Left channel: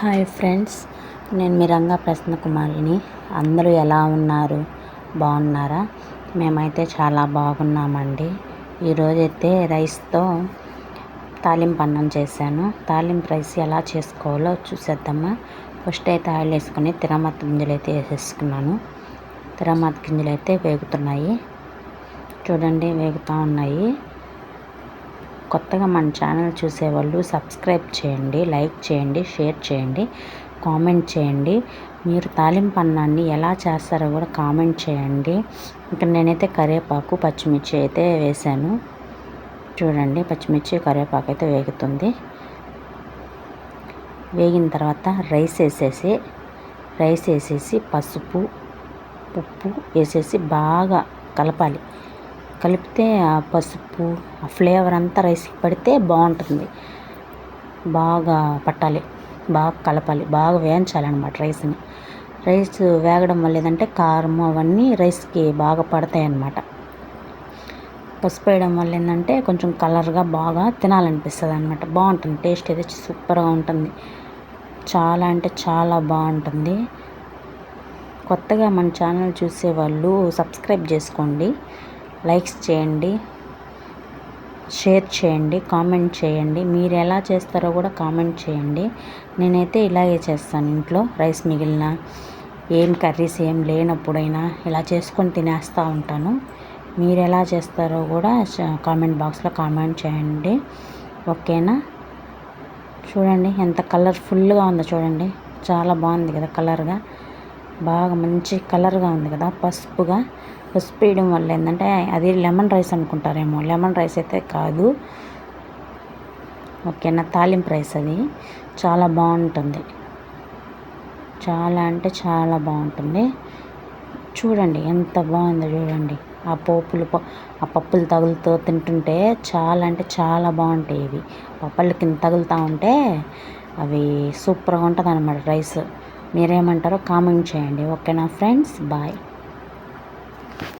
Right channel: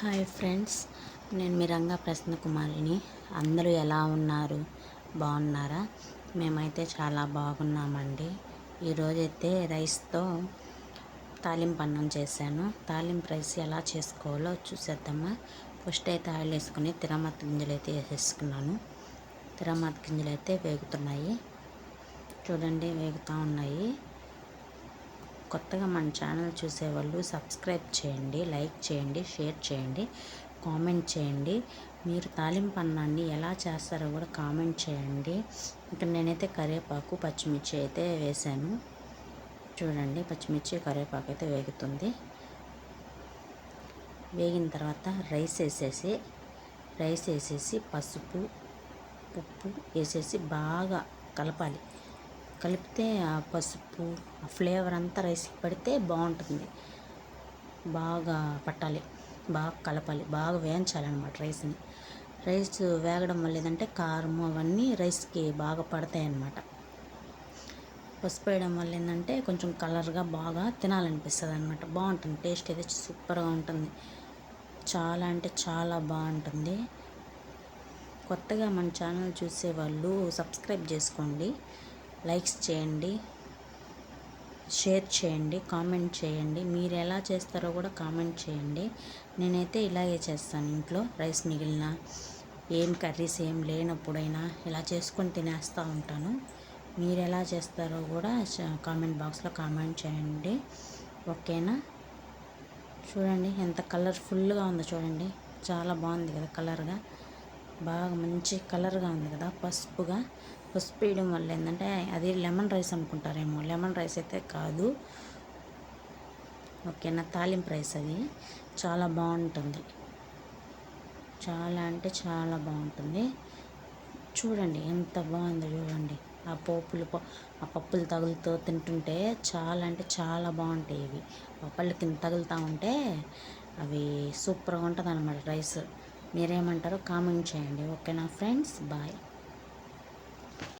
Hi friends, నేను మీ రంగా ప్రసన్న కుమారిని. అందరూ ఎలా ఉన్నారు? బాగున్నారా? మేమైతే చాలా బాగున్నామండి. ఈరోజైతే రైస్తో తాలింపు అన్నం చేశాను. తాలింపు రైస్ ఎలా చేసుకోవాలో చూసేద్దామా. ఫస్ట్ అయితే ఆయిల్ వేసుకొని తిరగమాత గింజలు అయితే వేసేసుకున్నాను. తిరగమాత గింజలు అయితే వేగుతున్నాయి, చూడండి, వేగుతూ ఉన్నాయి. కొత్తగా మన ఛానల్ చూసేవాళ్ళు సబ్స్క్రైబ్ చేయండి, లైక్ చేయండి, షేర్ చేయండి, కామెంట్ చేయండి. మీరు తాలింపు అన్నాన్ని ఎలా చేస్తారో కూడా కామెంట్ చేయండి. ఇక్కడ నేనైతే కరివేపాకు పచ్చిమిర్చి అయితే వేసాను. చూడండి, పచ్చిమిర్చి కరివేపాకు అయితే వేగుతుంది. వేగిన తర్వాత రైస్ వేసేసి పసుపు ఉప్పు వేసేసి బాగా కలపాలి. కలిపితే ఆ పసుపు ఆ ఫ్లేవర్ అంతా రైస్కి పడితే బాగుంటుంది. బాగా పట్టాలి, బాగా కలపాలి, బాగా వేయించాలన్నమాట రైస్ని. రైస్ వేగడం వల్ల ఏదంటే కారం అవన్నీ రైస్కి బాగా పడతాయి అన్నమాట. పసుపు వేయడం వల్ల ఏంటంటే కొంచెం కలర్గా బాగా తినాలనిపిస్తుంది అన్నమాట. బాగుంటుంది, టేస్ట్ అయితే సూపర్గా ఉంటుంది. చాలా అంటే చాలా బాగుంటుంది. కొత్తగా మన ఛానల్ చూసేవాళ్ళు సబ్స్క్రైబ్ చేసుకోండి, లైక్స్ చేయండి, షేర్ చేయండి, కామెంట్ చేయండి. మీరు ఎలా చేస్తారో కూడా కామెంట్ చేయండి. నేనైతే ఇలాగే చేస్తాను. ఇంట్లో రైస్ మిగిలిన ఏం కర్రీస్ ఏం లేనప్పుడైనా ఇలా చేసుకొని తినేస్తూ ఉంటాను. మీరు ఎలా చేస్తారో కూడా కామెంట్ బాక్స్లో కామెంట్ చేయండి, ఓకేనా? చూడండి ఎంత కలర్ఫుల్గా ఉందో, చూడండి, చాలా బాగుంది కదా కలర్గా. బాగా మంచి కలర్గా ఉంది కదా. పసుపు వేయడం వల్ల ఏంటంటే అది లెమన్ రైస్ అనుకుంటారేమో, లెమన్ రైస్ అయితే కాదు, ఓకేనా? తాలింపు రైస్. అది చాలా బాగుంటుంది, చాలా అంటే చాలా బాగుంటుంది. చూడండి ఎంత బాగుందో, చూడండి. ఆ పప్పులు తగులుతూ తింటుంటే చాలా అంటే చాలా బాగుంటాయి. ఇవి పప్పుల కింద తగులుతూ ఉంటే అవి సూపర్గా ఉంటుంది అన్నమాట రైస్. మీరేమంటారో కామెంట్ చేయండి, ఓకేనా ఫ్రెండ్స్? బాయ్.